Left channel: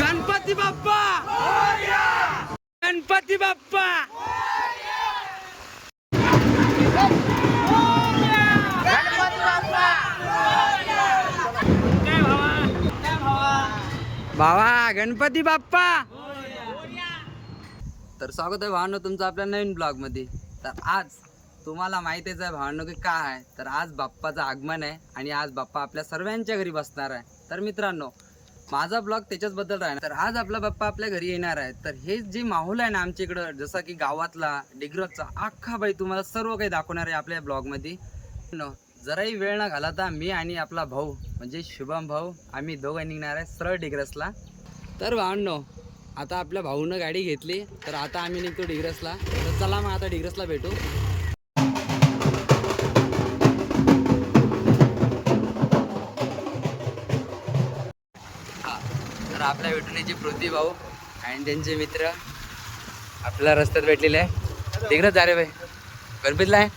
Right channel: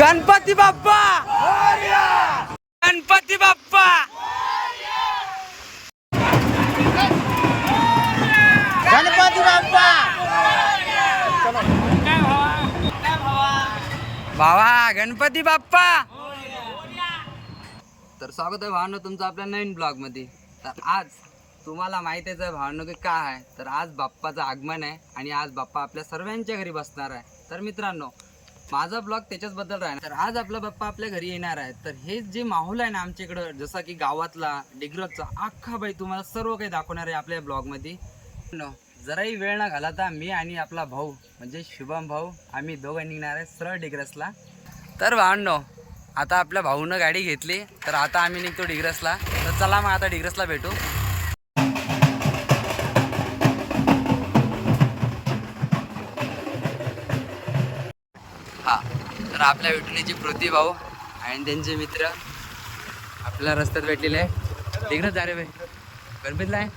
गणपती बाप्पा! गणपती बाप्पा! गणपती बाप्पा! भावा गणपती बाप्पा! तर स्वागत आहे भावांनो तुमचं आपल्या नवीन ब्लॉगमध्ये तर आज तुम्हाला माहितीच आहे भावांनो की काय आहे. तर आज बाप्पाचं आगमन आहे आणि आज बाप्पा आपल्या सर्वांच्या घरी बसणार आहे. तर मित्रांनो माझा ब्लॉग त्याच्याच बद्दल राहणार. तर आज आपला बाप्पा आपल्या घरी येणार आहे. तर हे जे माहोल आहे ना आमच्या इकडं जसा की गावातला डिग्रजचा अख्खा बाई तुम्हाला सर्व काही दाखवणार आहे आपल्या ब्लॉगमध्ये. न जराही वेळ न घालाता मी आणि आपला भाऊ म्हणजे शुभम भाऊ आम्ही दोघं निघणार आहे सरळ डिग्रसला. तर भावनो आता आपल्या भाऊनं गाडी घेतली. तर आता आम्ही निघतो डिग्रसला. तर चला मग आता डिग्रसला भेटू. तर आपल्या भेटण्याची पृथ्वी भाऊ आणि त्यांचे मित्र. आपल्या रस्त्यात भेटलेले. आहे डिग्रस जा रे भाई. गणपतीला आहे.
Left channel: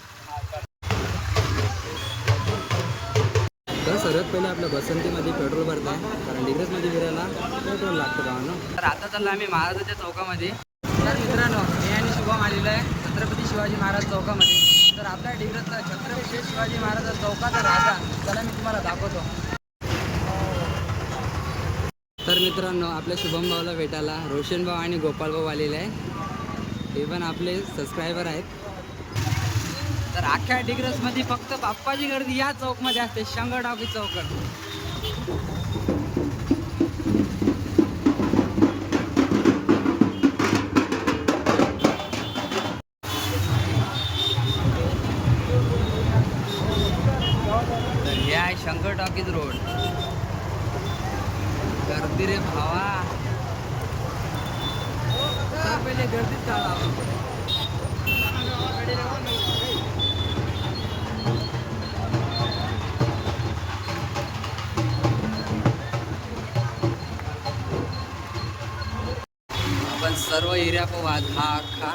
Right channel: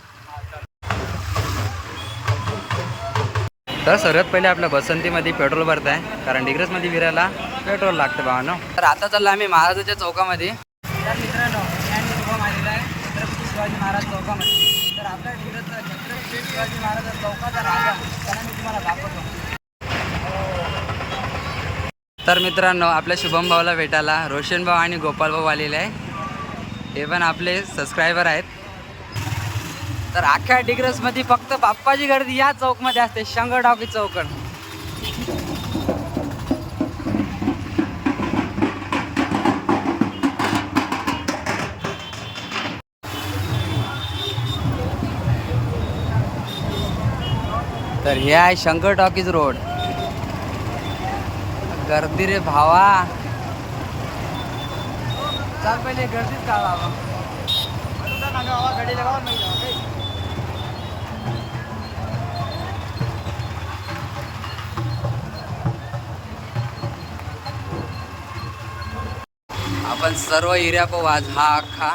तर सर्वात पहिले आपल्या बसंतीमध्ये पेट्रोल भरत आहे कारण डिग्रजमध्ये फिरायला पेट्रोल लागतं भावानो तर आता चाललो आम्ही महाराजाच्या चौकामध्ये. तर मित्रांनो मी आणि शुभम आलेलो आहे छत्रपती शिवाजी महाराज चौकामध्ये. तर आपल्या डिग्रजचा छत्रपती शिवाजी महाराज चौकाचा राजा त्याला मी तुम्हाला दाखवतो. तर मित्रांनो आपल्या शुभम भाऊला भेटायला रोशन भाऊ आणि गोपाल भाऊ आलेले आहे. हे पण आपले सबस्क्रायबर आहेत. तर अख्ख्या डिग्रसमध्ये फक्त बाप्पाची गर्दी या चौकमध्ये असते शंकर टॉकी चौकड तर हे आहे शंकर टॉकीज रोड. गर्दी रे भावा. चाल पहिले गर्दीच काढा आपण सर्व एरिया वाज हा अख्खा.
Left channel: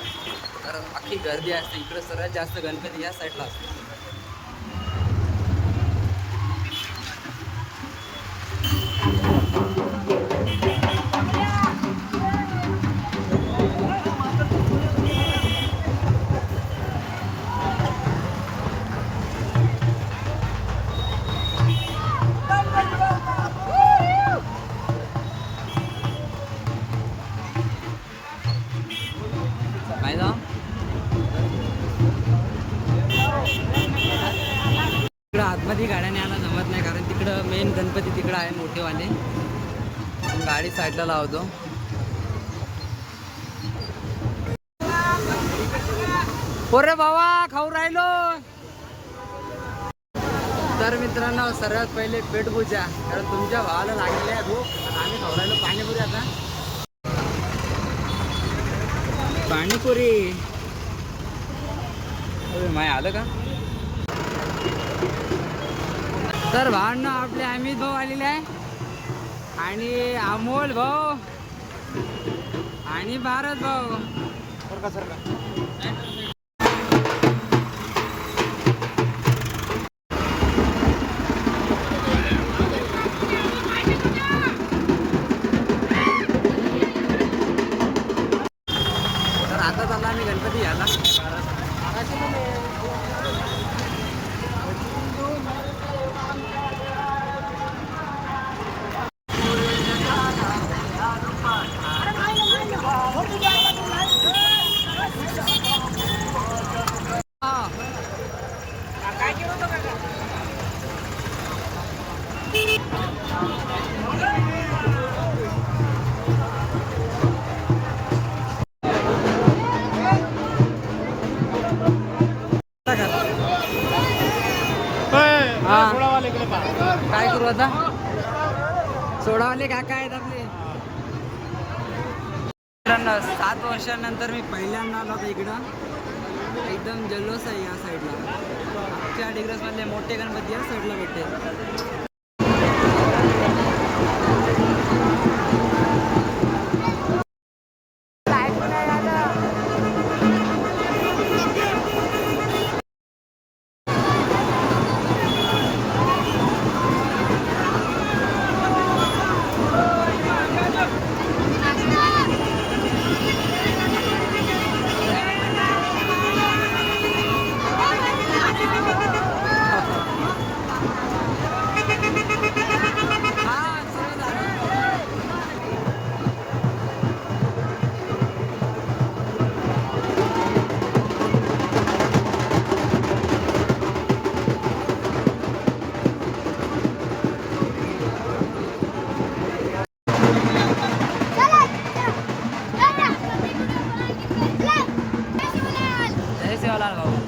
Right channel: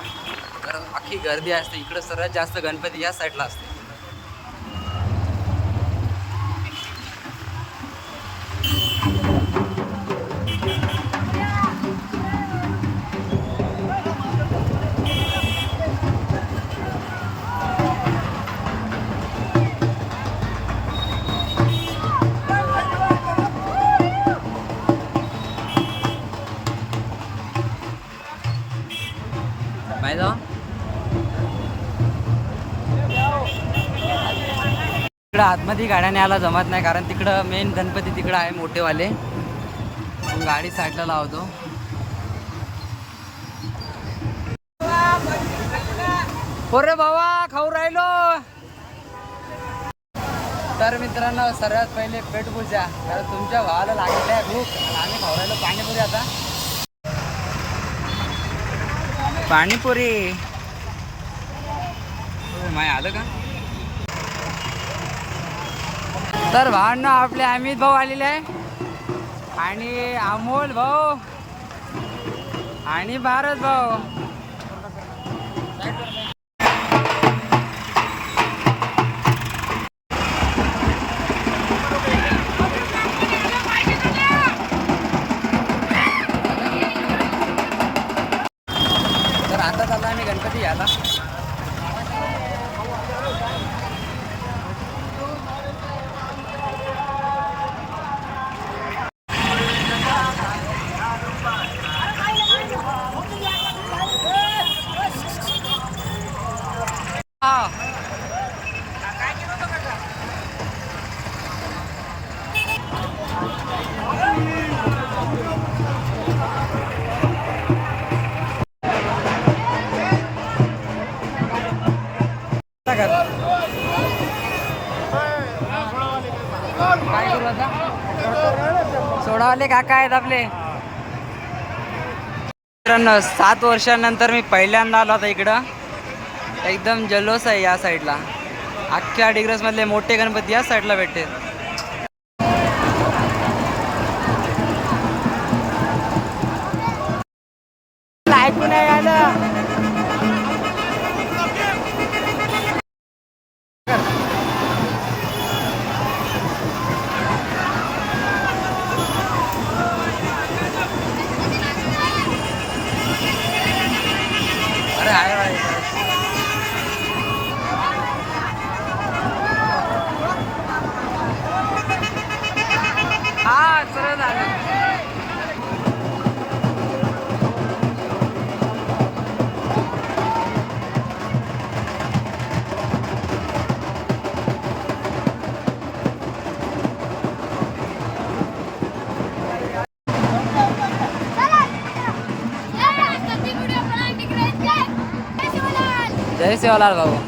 तर अख्खी गर्दी असते. इकडं सर्वात जास्त गणपती या साईडला असते. आतमध्ये गाड्या न्यायला जमत नाही कारण तिकडं मेन गणपती तिकडं आहे मोठेवाले. गाडी साईडला लावतो. पोरे बाबा खाऊ राहिलो. तर मित्रांनो सर्वात पहिले पेटपूजा कारण तुमच्या भावाला लागलेली आहे भूक. आणि आम्ही खाऊ राहिलो पाणीपुरी आता. पाणीपुरी. माय आलं का? तर भावांना आपले अमित भाऊ आलेले आहे. आणि अमोल भाऊ. आणि भारत भाऊ. तर आता चालला आम्ही गणपती घ्यायला. काय करू आता? सोडावाले काका आहेत आपले. सात वर्षानंतर मी पहिल्यांदा आलो आता इकडं. एकदम जल्लोष आहे या साईडला अख्ख्या डिग्रस मधले मोठे गणपती या साईडला भेटते largo.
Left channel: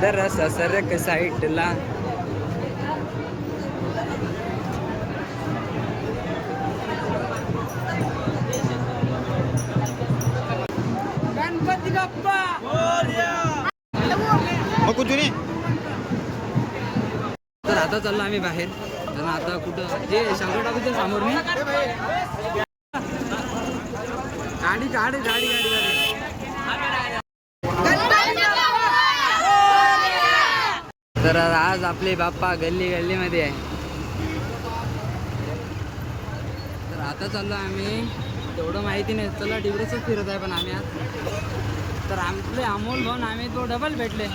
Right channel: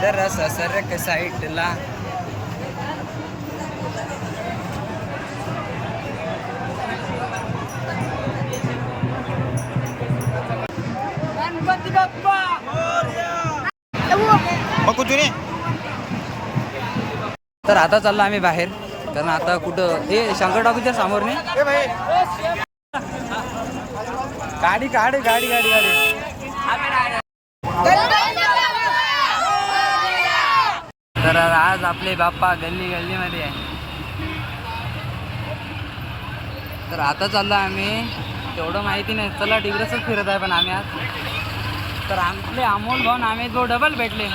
दरस सरक साईडला गणपती बाप्पा! मग कुठून तर आता चाललो आम्ही बाहेर. कारण आता कुठं हे शंकर टॉकीच्या समोर नाही? गाडी गाडी गाडी गाडी गाडी. तर आज आपले बाप्पा गल्ली गल्लीमध्ये आहे. तर आता चाललो आम्ही. तेवढं माहिती नाही. चला डिग्रसच फिरत आहे पण आम्ही आज. तर आपले अमोल भाऊन आम्ही तो डबल भेटले.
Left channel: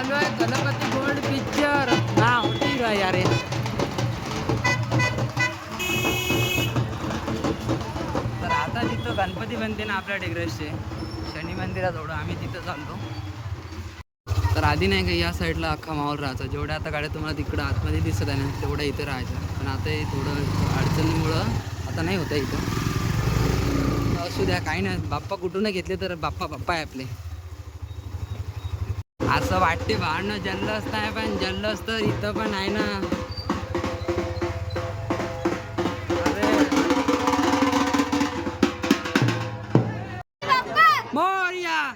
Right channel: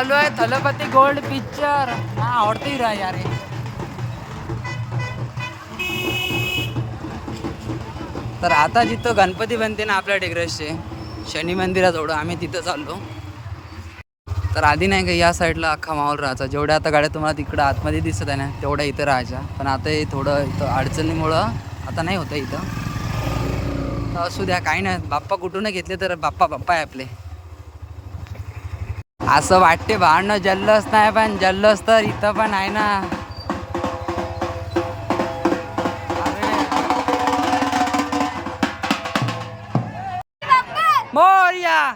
चालू आहे. थलपती गोल्ड पिक्चर ना आवडते रा यार तर आता जिथं गणपती बनते ना आपल्या डिग्रसचे शनी मंदिराजवळ आम्ही तिथं चाललो तर आधी नाही का या साईडला अख्खा माहोल राहायचा. जेवढ्या आता गाड्या तुम्हाला तिकडं आतमध्ये दिसत आहे ना तेवढ्या इथं राहायच्या. पण आता हे थोडं इथं अडचणीमुळं आता नाही होतं इथं. असू द्या काही नाही. बाप्पा कुठून घेतले तर बाप्पा बाप्पा आहे आपले. असं वाटते भांडणं जल्लोष नाही पण जल्लोष तर इथं पण आहे ना. अरे. मोर्या.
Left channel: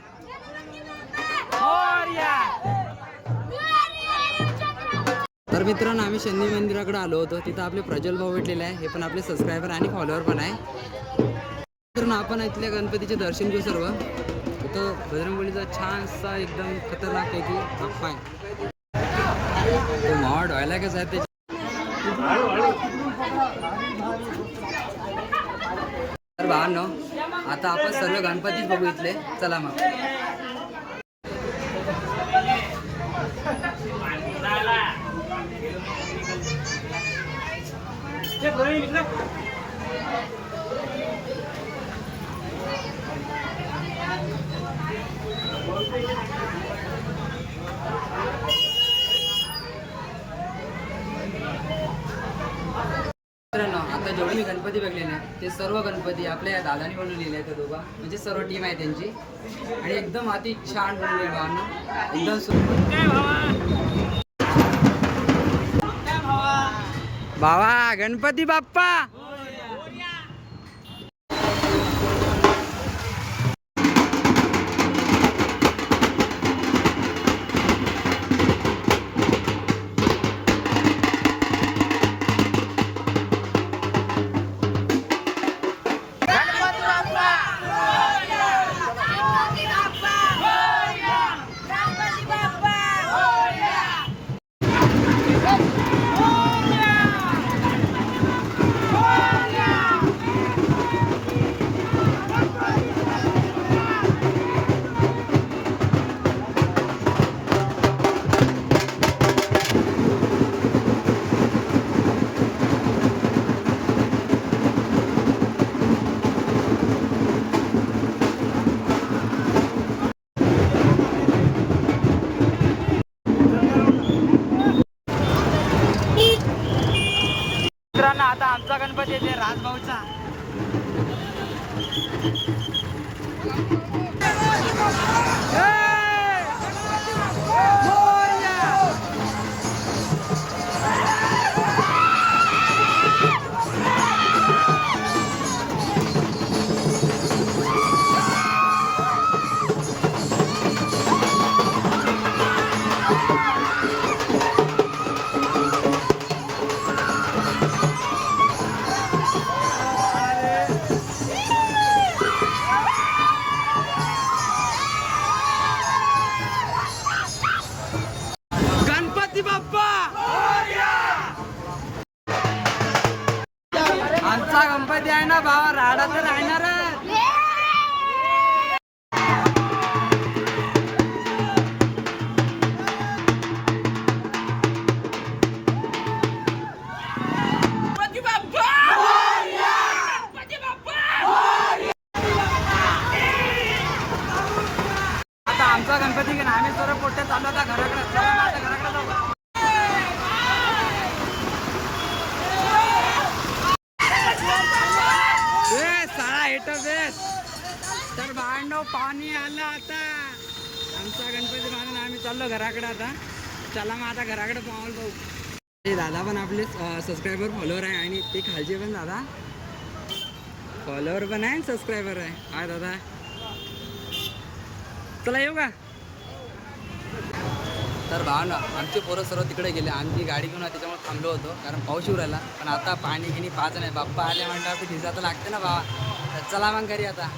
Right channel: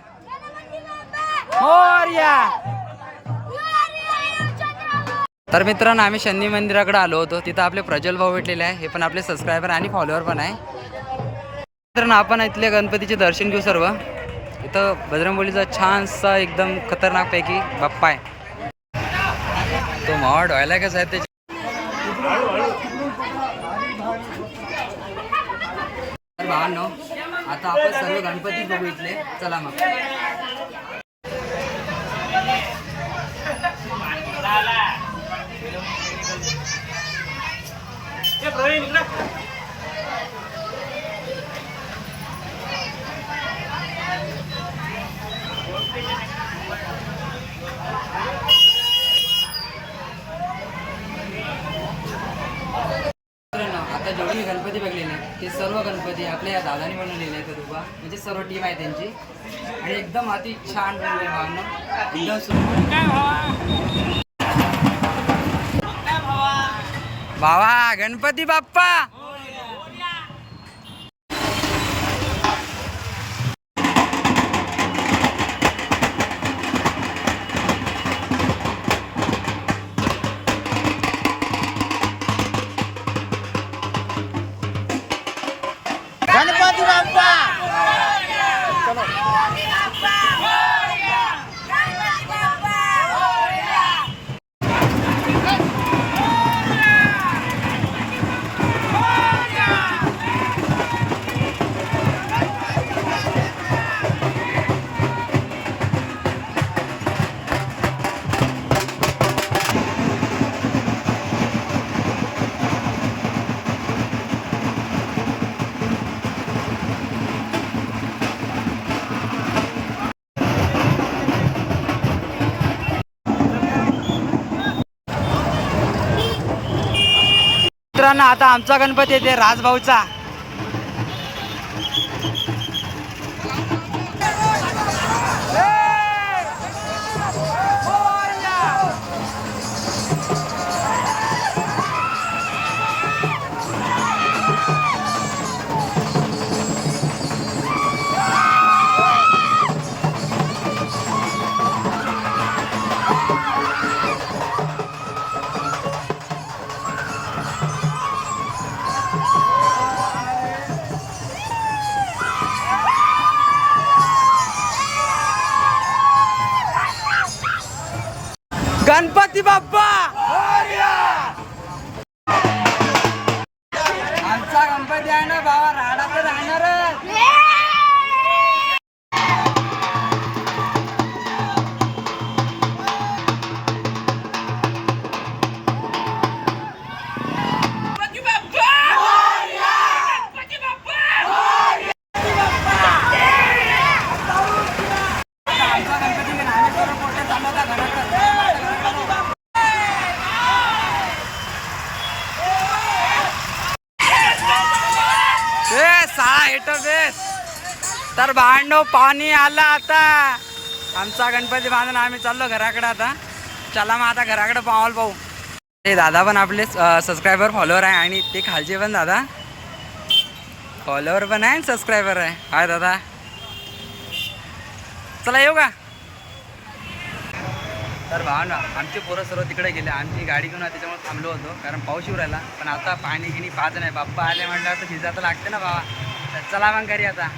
मोर्या. तर मित्रांनो आम्ही शनी मंदिराकडे आलो होतो. तिथं आपले प्रज्वल भाऊ भेटलेले आहे. हे पण आपले सबस्क्रायबर आणि फॉलोअर पण आहे. मित्रांनो आपण इथल्या गणपतीचे दर्शन घेऊ सर्व. इथं बजरंगबलीचा छानसा एकदम खतरनाकपैकी बाप्पा आहे. तो मावा डोळ्याला कसा आहे त्याच्या तर भावांनो आता आपण सर्व गणपती बघू इथले. चला मग. प्रवीण आता जेवढे मी गणपती बघलेले आहेत. ते सर्व गणपती आपल्या या दादानी बनवलेले आहेत दोघा. म्हणजे सर्व टीम आहे त्यांची. आणि एकदम अति छान बनवले भावांनो. एकदम सुंदर. काय भावा? भावा गणपती बाप्पा! आता आमचा गणपती येते राजभाऊचा. संपत्ती आहे ना भावा राडा तर राहणारच. आमचा गणपती आम्ही सर्व पोट्या चालू आता घराकडे. घराकडे. साळा तर भांडो पाणी आलं आता. आमचा गणपती बांधून आम्ही चाललो घराकडे आता. चला मग आता घराकडे पावाल पाहू ते दादा पण आपले सबस्क्रायबर फॉलोअर आहे आणि ते खालचे पण दादा. फॉलोअर पण आहे सबस्क्रायबर आहे. काय दादा. चला येऊ का? तर भाव ना आमचे पोरं सर्व तिकडे गेले. आमची गाडी घेऊन त्याच्यामुळे थांबलो होतो. कारण पाऊस येऊ राहिला. पण आता पाणी गिणी पाहत नाही. बाप्पा आले म्हटल्यावर तर भिजा तर लागते ना भावा. तर चला मग घरी आता.